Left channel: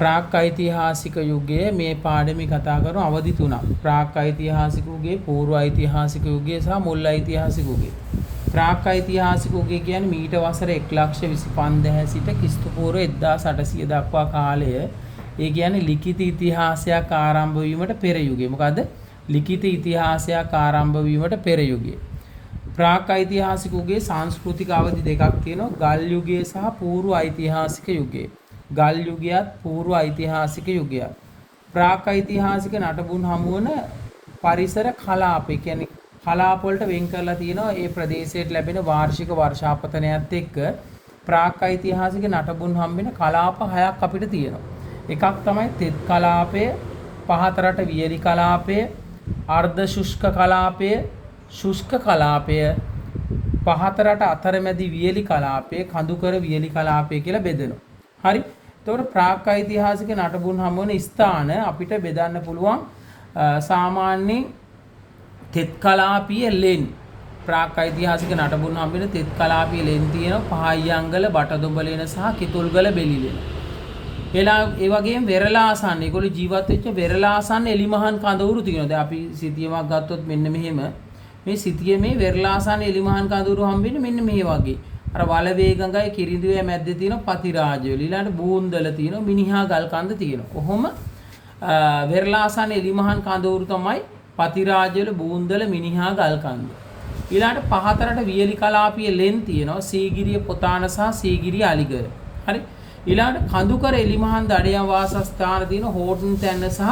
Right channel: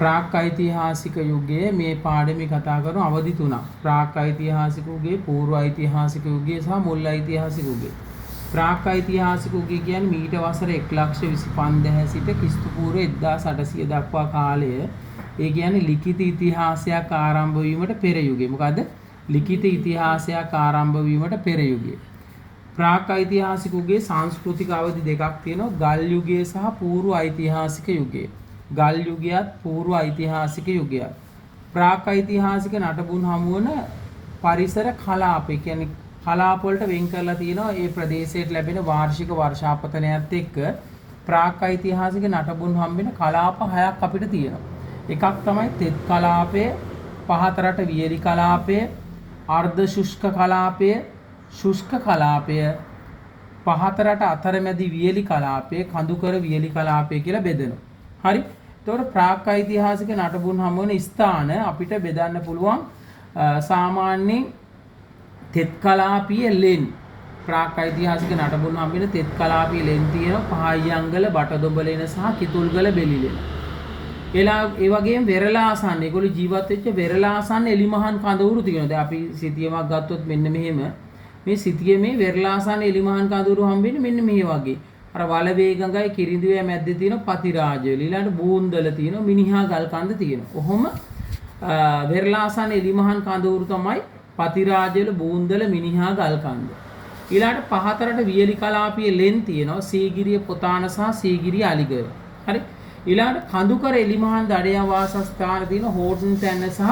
ප්‍රාග්ඓතිහාසික යුගයේ මේ පාඩමේ කතා කරන අවධි තුනක්. ප්‍රාග්ඓතිහාසික යුගයේ, පූර්වඓතිහාසික යුගයේ සහ මුල්ඓතිහාසික යුගයේ. ප්‍රාග්ඓතිහාසික යුගය කියන්නේ මීට වසර 1,25,000 සිට ක්‍රිස්තු පූර්ව 1800 දක්වා කාලය. ඒ කියන්නේ ලිඛිත ඉතිහාසයක් ආරම්භ වීමට පෙර යුගය. මොකද්ද? ලිඛිත ඉතිහාසයක් ආරම්භ වීමට පෙර යුගය. ප්‍රාග්ඓතිහාසික යුගයේ සංස්කෘතික අවධි දෙකක් තියෙනවා. ගල් යුගය සහ පූර්ව ඓතිහාසික යුගය. ගල් යුගයත් පූර්ව ඓතිහාසික යුගයත්. ප්‍රාග්ඓතිහාසික නටබුන් හමුවන පරිසර කලාප, කියන්නේ කලාප වලට වෙන් කරලා තියෙනවා. ඒ ප්‍රදේශයට ලැබෙන වාර්ෂික වර්ෂාපතනයත් එක්ක ප්‍රාග්ඓතිහාසික නටබුන් හම්බෙන කලාප 6ක් අපිට තියෙනවා. එකක් තමයි තෙත් කලාපය, පහතරට වියලි කලාපය, අර්ධ ශුෂ්ක කලාපය, ශුෂ්ක කලාපය, පහතරට අතරමැදි වියලි කලාපය, කඳුකර වියලි කලාපය කියලා බෙදෙනවා. හරි. එතකොට ප්‍රාග්ඓතිහාසික නටබුන් හමුවන ස්ථාන අපිට බෙදන්න පුළුවන් සාමාන්‍යයෙන් තෙත් කලාපීය ලෙන්. ප්‍රාග්ඓතිහාසික නටබුන් හම්බෙන තෙත් කලාපීය ලෙන් තියෙනවා. පහයියංගල, බටදොඹලෙන සහ කිතුල්ගල බෙලිලෙන. ඒ වගේම වෙරළාසන්න, ඒගොල්ලෝ ජීවත් වෙච්ච වෙරළාසන්න එලිමහන් කඳවුරු තියෙනවා. දැන් අපි සිතියමක් ගත්තොත් මෙන්න මෙහෙම මේ සිතියමේ වෙරළාසන්න එලිමහන් කඳවුරු හම්බෙන්නේ මෙන්න මේ වගේ. අර වලවේ ගඟයි කිරිඳුවේ මැද්දේ තියෙන පතිරාජවල ඊළඟට බූන්දල තියෙනවා, මිනිහා ගල් කන්ද තියෙනවා. කොහොම වෙරළාසන්න එලිමහන් කඳවුරු තමයි පතිරාජවල, බූන්දල, මිනිහා ගල් කන්ද. ඊළඟට පහතරට වියලි කලාපීය ලෙන් තියෙනවා. සීගිරිය පොතාන සහ සීගිරිය අලිගල. හරි. ඊළඟට කඳුකර එලිමහන් දඩයම් වාසස්ථාන තියෙන හෝටන් තැන්න සහ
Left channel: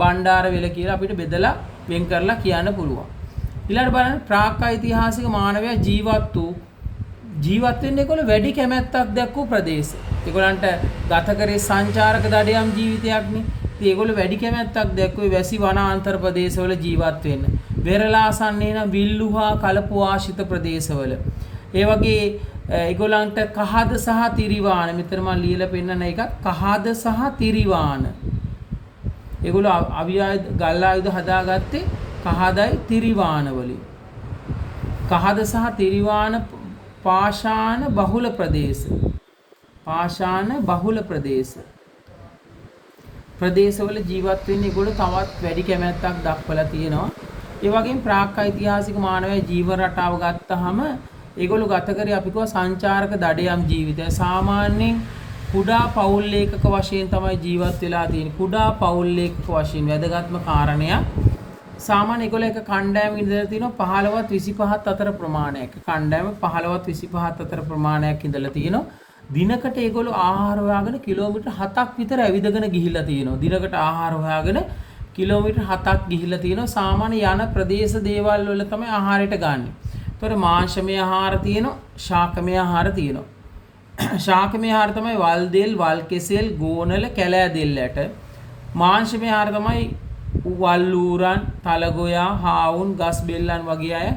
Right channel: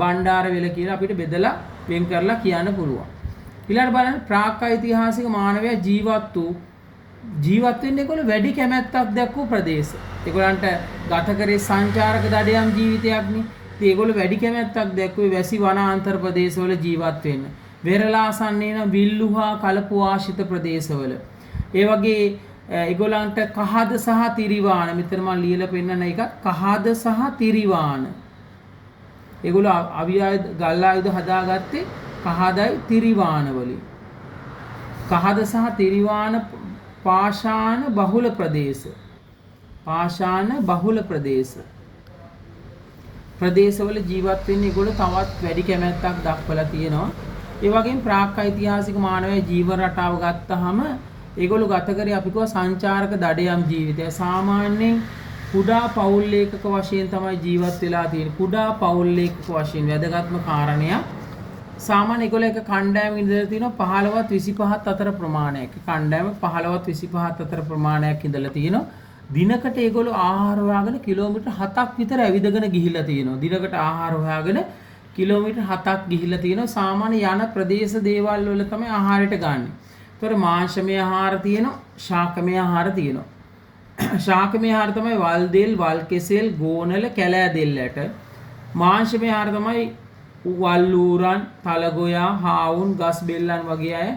බණ්ඩාරවෙල කියලා අපිට බෙදලා වෙන් කරලා කියන්න පුළුවන්. ඊළඟට බලන්න ප්‍රාග්ඓතිහාසික මානවයා ජීවත් වෙන්නේ ඒගොල්ලෝ වැඩි කැමැත්තක් දක්වපු ප්‍රදේශ. ඒගොල්ලන්ට ගත කරේ සංචාරක දඩයම් ජීවිතයක්නේ. ඉතින් ඒගොල්ලෝ වැඩි කැමැත්තක් දක්වුවේ වැසි වනාන්තර ප්‍රදේශවල ජීවත් වෙන්න. වෙරළාසන්නේ නම් විල්ලුහා කලපු ආශිත ප්‍රදේශවල. ඒ වගේ ඒගොල්ලන්ට කහද සහ තිරිවාන, මෙතන මම ලියලා පෙන්නන එක කහද සහ තිරිවාන. ඒගොල්ලෝ ගල් ආයුධ හදාගත්තේ කහදයි තිරිවාන වලින්. කහද සහ තිරිවාන පාෂාණ බහුල ප්‍රදේශ. පාෂාණ බහුල ප්‍රදේශවල ජීවත් වෙන්නේ ඒගොල්ලෝ තවත් වැඩි කැමැත්තක් දක්වලා තියෙනවා. ඒ වගේම ප්‍රාග්ඓතිහාසික මානවයා ජීවන රටාව ගත්තාම ඒගොල්ලෝ ගත කරේ අපි කියව සංචාරක දඩයම් ජීවිතය. සාමාන්‍යයෙන් කුඩා පවුල් ඒකක වශයෙන් තමයි ජීවත් වෙලා තියෙන්නේ. කුඩා පවුල් ඒකක වශයෙන් වැදගත්ම කාරණයක්. සාමාන්‍ය ඒගොල්ලෝ එක කණ්ඩායමක ඉඳලා තියෙනවා 15ත් 25ත් අතර ප්‍රමාණයක්. කණ්ඩායම 15ත් 25ත් අතර ප්‍රමාණයක් ඉඳලා තියෙනවා. දිනකට ඒගොල්ලෝ ආහාර හොයාගෙන කිලෝමීටර් 7ක් විතර ඇවිදගෙන ගිහිල්ලා තියෙනවා. දිනකට ආහාර හොයාගෙන කිලෝමීටර් 7ක් ගිහිල්ලා තියෙනවා. සාමාන්‍ය යන ප්‍රදේශ දේවල් වල තමයි ආහාරයට ගන්න. ඒතර මාංශමය ආහාර තියෙනවා, ශාකමය ආහාර තියෙනවා. ශාකමය ආහාර තමයි වල් දෙල්, වල් කෙසෙල්, ගෝනල, කැලෑ දෙල්ලට. මාංශමය ආහාර තමයි වල් ඌරන්, තලගොයා, හාවුන්, ගස් බෙල්ලන් වගේ අය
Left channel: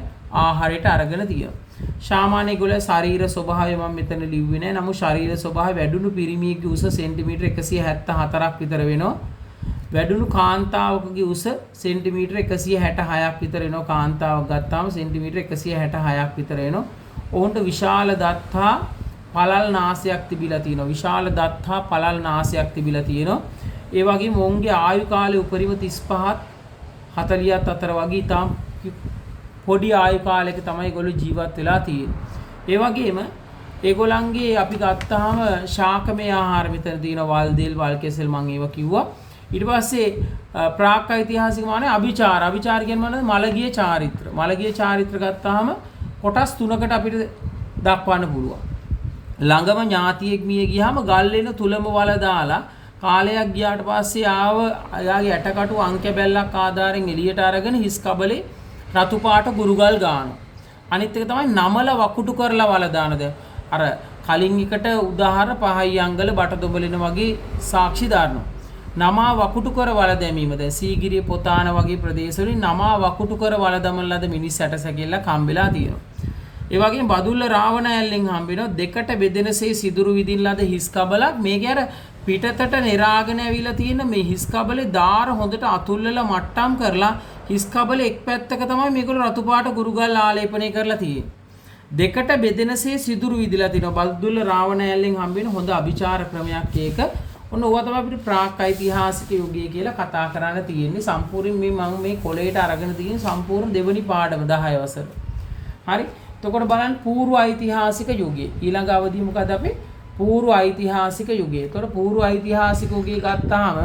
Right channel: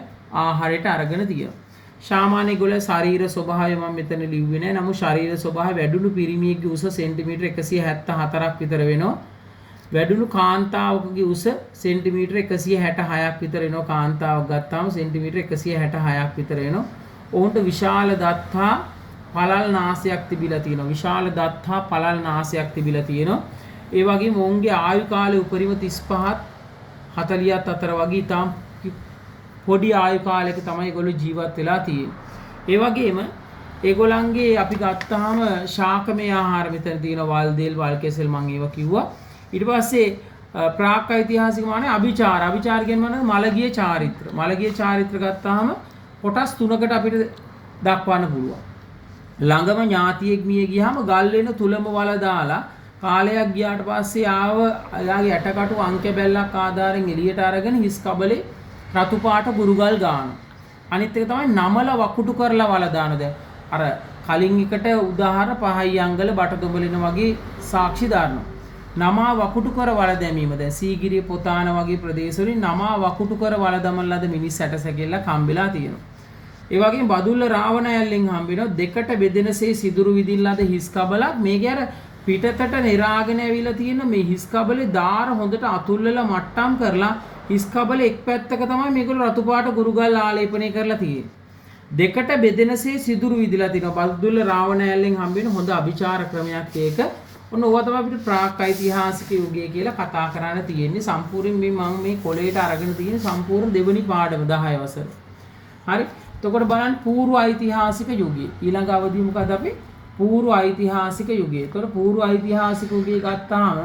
ආහාරයට අරගෙන තියෙනවා. සාමාන්‍ය ගොල්ල ශරීර ස්වභාවය මම මෙතන ලිව්වේ නැහැ. නමුත් ශරීර ස්වභාවය වැඩුණු පිරිමියෙකුගේ උස සෙන්ටිමීටර් 174ක් විතර වෙනවා. වැඩුණු කාන්තාවකගේ උස සෙන්ටිමීටර් 166ක් විතර වෙනවා. කාන්තාවක් ගත්තාම සෙන්ටිමීටර් 166ක් විතර වෙනවා. ඔවුන්ට විශාල දත් හා පළල් නාසයක් තිබිලා තියෙනවා. විශාල දත් හා පළල් නාසයක් තිබිලා තියෙනවා. ඒ වගේම ඔවුන්ගේ ආයු කාලය උපරිම 35ත් 40ත් අතර වගේ තාම පොඩි ආයු කාලයක තමයි ඒගොල්ලෝ ජීවත් වෙලා තියෙන්නේ. ඒ වගේම ඒගොල්ලන්ගේ අපි ගත්තාම ශාකමය ආහාර මෙතන තියෙනවා. වල් දෙල්, වල් කෙසෙල් මම ඒවා කිව්වා. ඊට පස්සේ ප්‍රාග්ඓතිහාසික මානේ අභිචාර. අභිචාර කියන්නේ මොනවද? මලගිය චාරිත්‍ර. මලගිය චාරිත්‍ර ගත්තාම කොටස් 3කට අපිට දක්වන්න පුළුවන්. ළඟම ඥාතියෙක් මිය ගියාම ගල් වෙන තුලම වල දාලා කාලයක් ගියාට පස්සේ එයාගේ ඇටකටු අංක බැල්ලක් ආධාරයෙන් එළියට අරගෙන හිස් කබලේ රතු පාට ගුරුගල් ගන්නවා. අනිත් එක තමයි නමල වකුටු කරලා වල දානද. අර කලින් එකට උදාහරණ පහයියංගල, බටදොඹලින වගේ සාක්ෂි දානවා. නමා වකුටු කර වල දැමීම. දැන් සීගිරිය පොතාන වගේ ප්‍රදේශවලින් නමා වකුටු කර වල දමන ලද මිනිස් ඇටසැකිල්ල කම්බෙලා තියෙනවා. ඒ වගේම බදුල්ල රාවණ ඇල්ලෙන් හම්බෙනවා දෙකට බෙදෙනසේ සිදුරු විදින ලද හිස් කබලක්. මේකේ අර පිටතට නිරාගෙන ඇවිල්ලා තියෙන මේ හිස් කබලේ දාර හොඳට අතුල්ලලා මට්ටම් කරලා හිස් කබලේ එක් පැත්තක තමයි මේගොල්ලෝ රතු පාට ගුරුගල් ආලේපනය කරලා තියෙන්නේ. දෙකට බෙදෙනසේ සිදුරු විදිලා තියෙනවා. බදුල්ල රාවණ ඇල්ලෙන් හම්බෙන හොඳ අභිචාර ක්‍රමයක් ඒක. ඔන්න ඕවා තමයි අපිට ප්‍රාක් ඓතිහාසික යුගය කියලා කතා කරන්න තියෙන්නේ. සම්පූර්ණ මම මේ කොලේට අරගෙන තියෙන සම්පූර්ණ දෙවෙනි පාඩම 10 වසර. හරි. එතකොට බලන්න පූර්ව ඓතිහාසික යුගය. ඊළඟ අවධිය මොකද අපි? පූර්ව ඓතිහාසික යුගය. එතකොට පූර්ව ඓතිහාසික යුගය ගත්තාම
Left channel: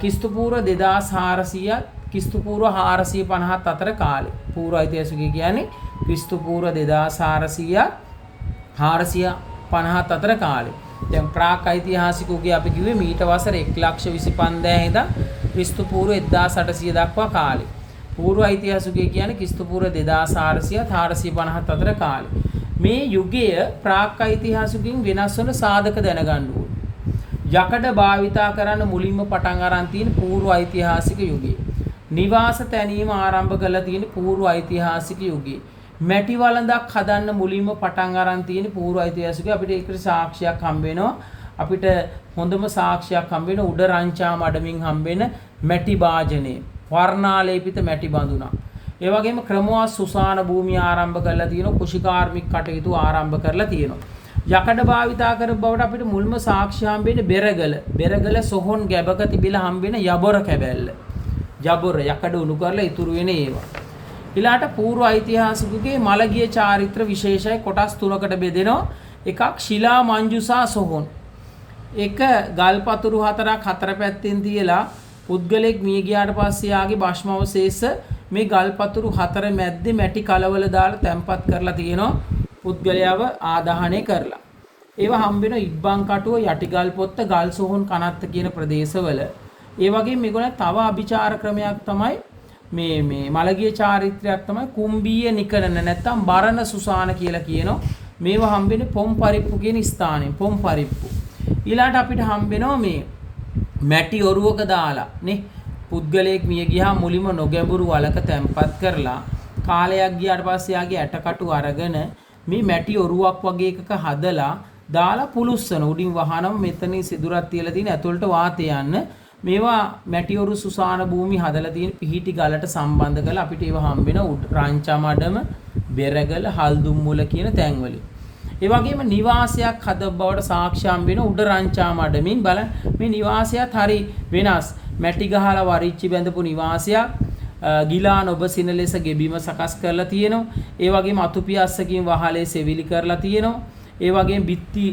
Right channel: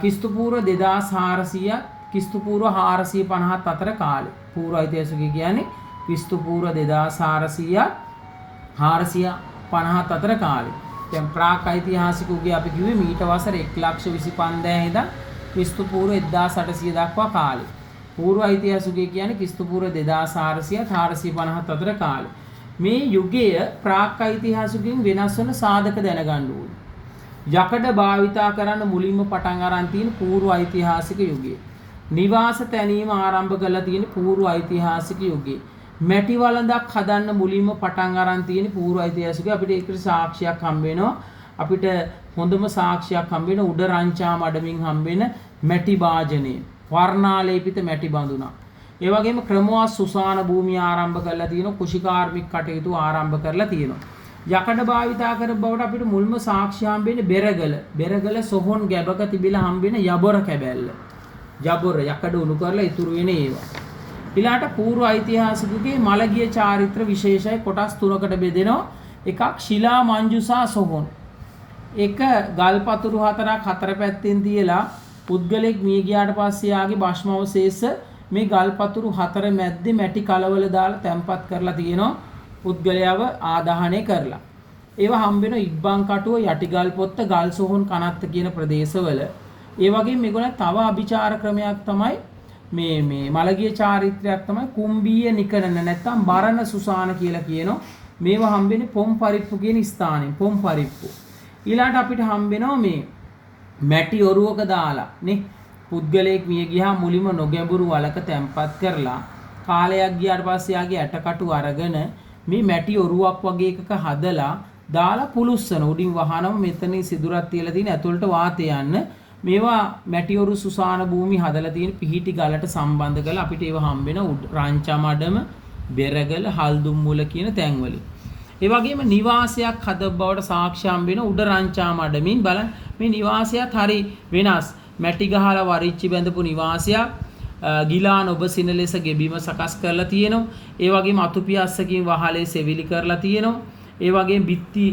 ක්‍රිස්තු පූර්ව 2400 ක්‍රිස්තු පූර්ව 450 අතර කාලේ. පූර්ව ඓතිහාසික යුගය කියන්නේ ක්‍රිස්තු පූර්ව 2400 450 අතර කාලේ. දැන් ප්‍රාක් ඓතිහාසික යුගය අපි කිව්වේ මීට වසර 1,25,000 ඉඳන් ක්‍රිස්තු පූර්ව 1800 දක්වා කාලේ. පූර්ව ඓතිහාසික යුගය කියන්නේ ක්‍රිස්තු පූර්ව 2400 450 අතර කාලේ. මේ යුගය ප්‍රාක් ඓතිහාසිකයෙන් වෙනස් වන සාධක දැනගන්න ඕනේ. යකඩ භාවිතා කරන්න මුලින්ම පටන් අරන් තියෙන පූර්ව ඓතිහාසික යුගය. නිවාස තැනීම ආරම්භ කරලා තියෙන පූර්ව ඓතිහාසික යුගය. මැටි වළඳක් හදන්න මුලින්ම පටන් අරන් තියෙන පූර්ව ඓතිහාසික අපිට ඒකට සාක්ෂියක් හම්බ වෙනවා. අපිට හොඳම සාක්ෂියක් හම්බ වෙන උඩ රංචා මඩමින් හම්බ වෙන මැටි වාජනේ. වර්ණාලේපිත මැටි බඳුනක්. ඒ වගේම ක්‍රමවත් සුසාන භූමිය ආරම්භ කරලා තියෙනවා. කුෂිකාර්මික කටයුතු ආරම්භ කරලා තියෙනවා. යකඩ භාවිතා කර බවට අපිට මුල්ම සාක්ෂි හම්බෙන්නේ බෙරගල. බෙරගල සොහොන් ගැබක තිබිලා හම්බෙන යබොර කැබැල්ල. යබොර යකඩ උණු කරලා ඉතුරු වෙන ඒවා. ඊළාට පූර්ව ඓතිහාසිකයේ මළගිය චාරිත්‍ර විශේෂයි කොටස් තුනකට බෙදෙනවා. එකක් ශිලා මංජුසා සොහොන්. එක ගල්පතුරු හතරක් හතර පැත්තෙන් තියලා පුද්ගලෙක් මිය ගියාට පස්සේ යාගේ භස්ම අවශේෂ මේ ගල්පතුරු හතර මැද්දේ මැටි කලවල දාලා තැම්පත් කරලා තියෙනවා. පුද්ගලයාව ආදාහනය කරලා. ඒවා හම්බ වෙන ඉබ්බන් කටුව යටිගල් පොත්ත ගල් සොහොන් කනත්ත කියන ප්‍රදේශවල. ඒ වගේම මේගොල්ලෝ තව අභිචාර ක්‍රමයක් තමයි මේ මළගිය චාරිත්‍රයක් තමයි කුම්බීය නිකරණ නැත්නම් බරණ සුසාන කියලා කියනවා. මේවා හම්බ වෙන්නේ පොම් පරිප්පු කියන ස්ථානෙන්. පොම් පරිප්පු. ඊළාට අපිට හම්බ වෙනවා මේ මැටි ඔරුවක දාලා නේ පුද්ගලයෙක් මිය ගියා මුලින්ම නොගැඹුරු වලක තැම්පත් කරලා කාලයක් ගියාට පස්සේ යාගේ ඇටකටු අරගෙන මේ මැටි ඔරුවක් වගේ එකක හදලා දාලා පුලුස්සන උඩින් වහනම මෙතනින් සිදුරක් තියලා තියෙන ඇතුළට වාතය යන්න මේවා මැටි ඔරු සුසාන භූමි හදලා තියෙන පිහිටි ගලට සම්බන්ධ කරලා අපිට ඒවා හම්බ වෙන රංචා මඩම බෙරගල හල්දුම් මුල කියන තැන්වලින්. ඒ වගේම නිවාසයක් හද බවට සාක්ෂි හම්බ වෙන උඩ රංචා මඩමින් බලන්න මේ නිවාසයත් හරි වෙනස්. මැටි ගහලා වරිච්චි බැඳපු නිවාසයක්. ගිලාන ඔබසින ලෙස ගෙබීම සකස් කරලා තියෙනවා. ඒ වගේම අතුපියස්සකින් වහලේ සෙවිලි කරලා තියෙනවා. ඒ වගේම බිත්ති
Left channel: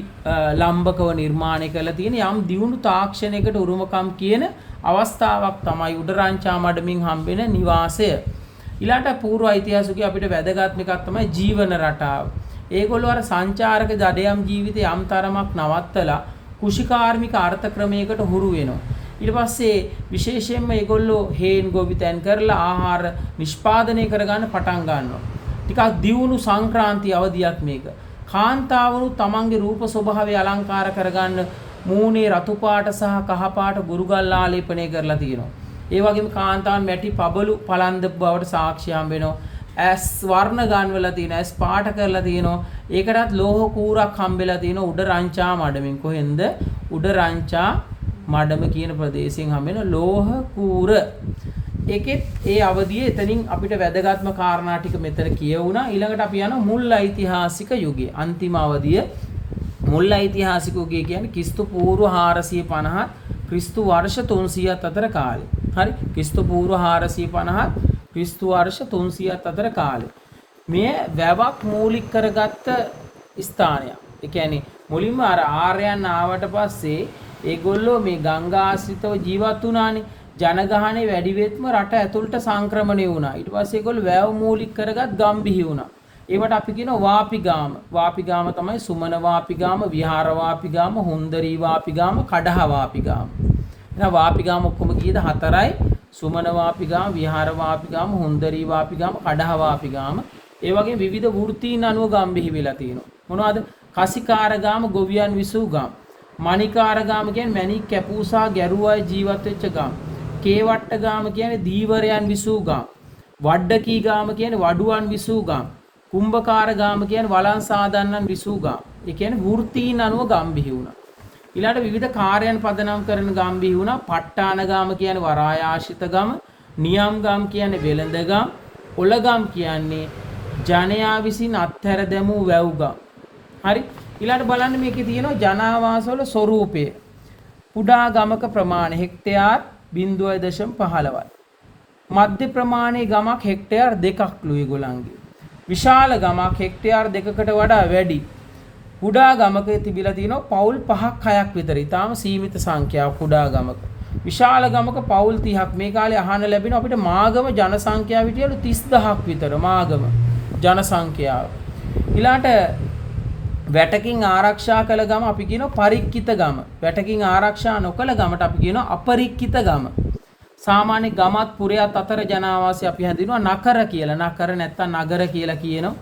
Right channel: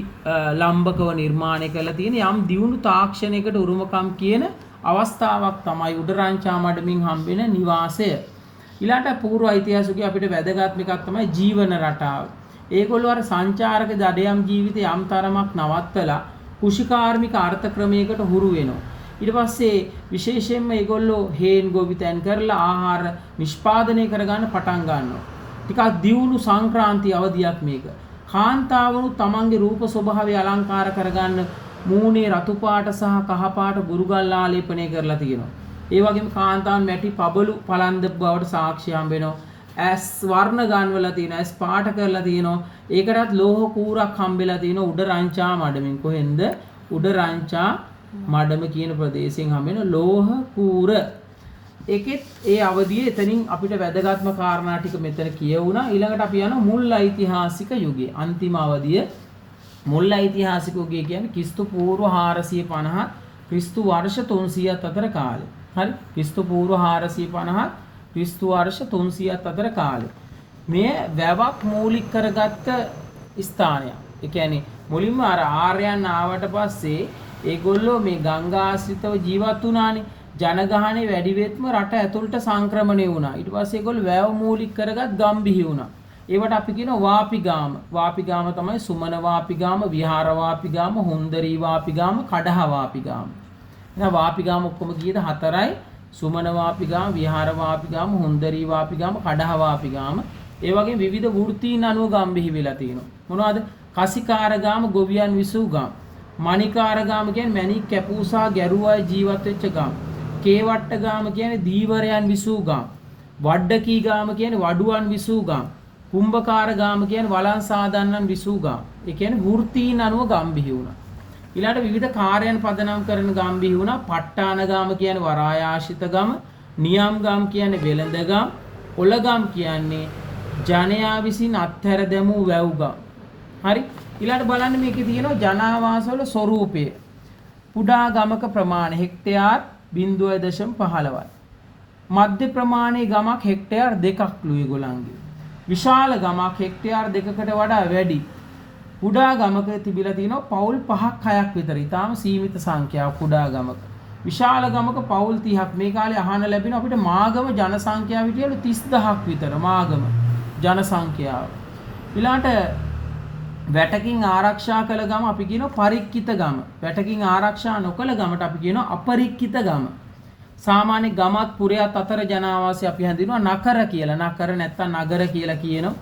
ලම්බකව නිර්මාණය කරලා තියෙන යම් දියුණු තාක්ෂණයකට උරුමකම් කියන අවස්ථාවක් තමයි උඩරංචා මඩමින් හම්බෙන නිවාසය. ඊළාට පූර්ව ඓතිහාසිකයේ අපිට වැදගත්ම එකක් තමයි ජීවන රටාව. ඒගොල්ලෝ අර සංචාරක දඩයම් ජීවිතය යම් තරමක් නවත්තලා කුෂිකාර්මික අර්ථ ක්‍රමයකට හුරු වෙනවා. ඊට පස්සේ විශේෂයෙන්ම ඒගොල්ලෝ හේන් ගොවිතැන් කරලා ආහාර නිෂ්පාදනය කරගන්න පටන් ගන්නවා. ටිකක් දියුණු සංක්‍රාන්ති අවධියක් මේක. කාන්තාවරු තමන්ගේ රූප ස්වභාවය අලංකාර කරගන්න මූණේ රතු පාට සහ කහ පාට ගුරුගල් ආලේපනය කරලා තියෙනවා. ඒ වගේම කාන්තාවන් මැටි පබළු පලන්ද බවට සාක්ෂි හම්බ වෙනවා. ඇස් වර්ණ ගන්වලා තියෙනවා. ඇස් පාට කරලා තියෙනවා. ඒකටත් ලෝහ කූරක් හම්බෙලා තියෙනවා උඩ රංචා මඩමින්. කොහෙන්ද? උඩ රංචා මඩම කියන ප්‍රදේශයෙන් හම්බෙන ලෝහ කූර. ඒකෙත් ඒ අවධියේ එතනින් අපිට වැදගත්ම කාරණා ටික මෙතන කියවුණා. ඊළඟට අපි යනවා මුල් ඓතිහාසික යුගය. අන්තිම අවධිය මුල් ඓතිහාසික යුගය කියන්නේ ක්‍රිස්තු පූර්ව 450 ක්‍රිස්තු වර්ෂ 300ත් අතර කාලය. හරි? ක්‍රිස්තු පූර්ව 450 ක්‍රිස්තු වර්ෂ 300ත් අතර කාලය. මේ වැවක් මූලික කරගත්ත ස්ථානයක්. ඒ කියන්නේ මුලින්ම අර ආර්යයන් ආවට පස්සේ ඒගොල්ලෝ මේ ගංගා ආශ්‍රිතව ජීවත් වුණානේ. ජනගහනේ වැඩි වෙත්ම රට ඇතුළට සංක්‍රමණය වුණා. ඊට පස්සේ ඒගොල්ලෝ වැව මූලික කරගත් ගම් බිහි වුණා. ඒවට අපි කියනවා වාපිගාම. වාපිගාම තමයි සුමන වාපිගාම, විහාර වාපිගාම, හුන්දරී වාපිගාම, කඩහ වාපිගාම. එහෙනම් වාපිගාම ඔක්කොම කීයද? 4යි. සුමන වාපිගාම, විහාර වාපිගාම, හුන්දරී වාපිගාම, කඩහ වාපිගාම. ඒ වගේ විවිධ වෘත්තීන් අනුව ගම් බිහි වෙලා තියෙනවා. මොනවද? කසිකාරගාම, ගොවියන් විසූ ගම්. මණිකාරගාම කියන්නේ මණික් කැපූසා ගැරුවා ජීවත් වෙච්ච ගම්. කේවට්ට ගාම කියන්නේ දීවරයන් විසූ ගම්. වඩ්ඩකී ගාම කියන්නේ වඩුවන් විසූ ගම්. කුම්භකාර ගාම කියන්නේ වලන් සාදන්නන් විසූ ගම්. ඒ කියන්නේ වෘත්තීන් අනුව ගම් බිහි වුණා. ඊළඟට විවිධ කාර්යයන් පදනම් කරන ගම් බිහි වුණා. ප ဋ ාණ ගාම කියන්නේ වරායාශිත ගම. නියම් ගම් කියන්නේ වෙළඳ ගම්. ඔල ගම් කියන්නේ ජනයා විසින් අත්හැර දැමූ වැව් ගම්. හරි? ඊළඟට බලන්න මේකේ තියෙනවා ජනාවාසවල ස්වරූපය. කුඩා ගමක ප්‍රමාණය හෙක්ටයාර් 0.15යි. මධ්‍ය ප්‍රමාණයේ ගමක් හෙක්ටයාර් 2ක්ලු ඒගොල්ලන්ගේ. විශාල ගමක් හෙක්ටයාර් 2කට වඩා වැඩි. කුඩා ගමක තිබිලා තියෙනවා පවුල් 5ක් 6ක් විතර. ඊටාම සීමිත සංඛ්‍යාවක් කුඩා ගමක. විශාල ගමක පවුල් 30ක්. මේ කාලේ අහන්න ලැබෙන අපිට මාගම ජන සංඛ්‍යාව විදියට 30000ක් විතර මාගම ජන සංඛ්‍යාව. ඊළාට වැටකින් ආරක්ෂා කළ ගම අපි කියනවා පරික්කිත ගම. වැටකින් ආරක්ෂා නොකළ ගමට අපි කියනවා අපරික්කිත ගම. සාමාන්‍ය ගමත් පුරයත් අතර ජනාවාසය අපි හඳුන්වනවා නකර කියලා. නකර නැත්තම් නගර කියලා කියනවා.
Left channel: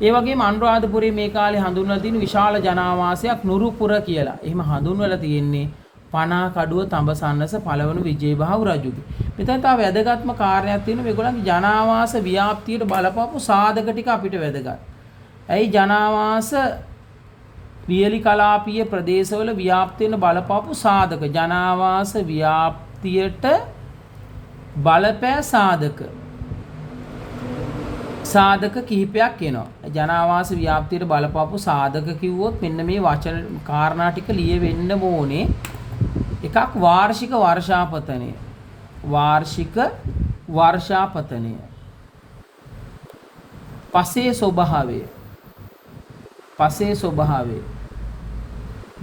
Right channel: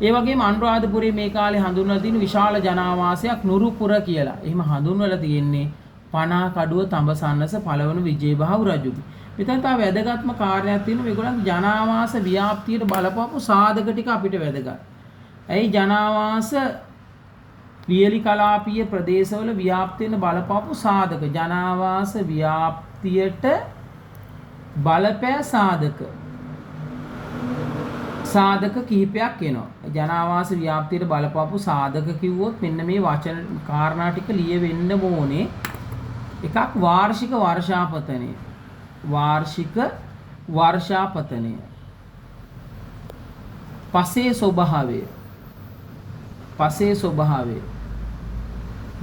ඒ වගේම අනුරාධපුරයේ මේ කාලේ හඳුන්වලා තියෙන විශාල ජනාවාසයක් නුරුපුර කියලා. එහෙම හඳුන්වලා තියෙන්නේ පනා කඩුව තඹසන්නස පළවන විජේබහු රජුගේ. මෙතන තව වැදගත්ම කාරණයක් තියෙනවා මේගොල්ලන්ගේ ජනාවාස ව්‍යාප්තියට බලපෑපු සාධක ටික අපිට වැදගත්. ඇයි ජනාවාස වියලි කලාපීය ප්‍රදේශවල ව්‍යාප්ති වෙන බලපෑපු සාධක ජනාවාස ව්‍යාප්තියට බලපෑ සාධක කිහිපයක් එනවා. ජනාවාස ව්‍යාප්තියට බලපෑපු සාධක කිව්වොත් මෙන්න මේ වචන කාරණා ටික ලියවෙන්න ඕනේ. එකක් වාර්ෂික වර්ෂාපතනය. වාර්ෂික වර්ෂාපතනය. පසේ ස්වභාවය. පසේ ස්වභාවය.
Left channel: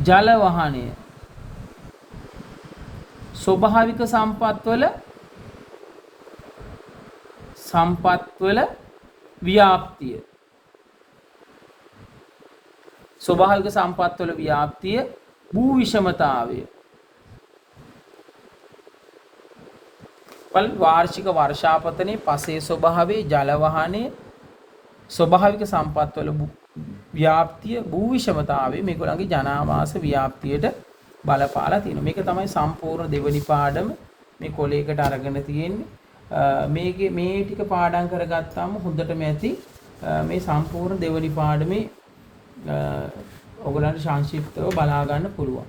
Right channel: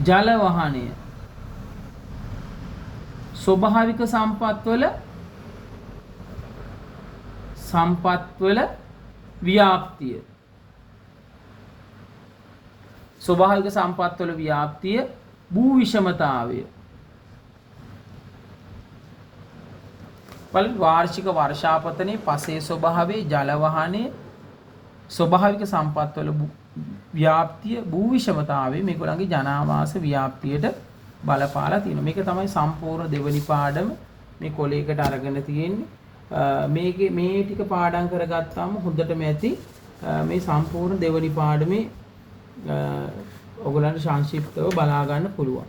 ජල වහනය. ස්වභාවික සම්පත්වල ව්‍යාප්තිය. ස්වභාවික සම්පත්වල ව්‍යාප්තිය භූ විෂමතාවය. වාර්ෂික වර්ෂාපතනයේ පසේ ස්වභාවයේ ජල වහනයේ ස්වභාවික සම්පත්වල ව්‍යාප්තිය භූ විෂමතාවයේ මේගොල්ලන්ගේ ජනාවාස ව්‍යාප්තියට බලපාලා තියෙනවා. මේක තමයි සම්පූර්ණ දෙවනි පාඩම මේ කොලයකට අරගෙන තියෙන්නේ. මේ ටික පාඩම් කරගත්තාම හොඳටම ඇති මේ සම්පූර්ණ දෙවනි පාඩමේ ඔයගොල්ලන්ට සංක්ෂිප්තව බලා ගන්න පුළුවන්.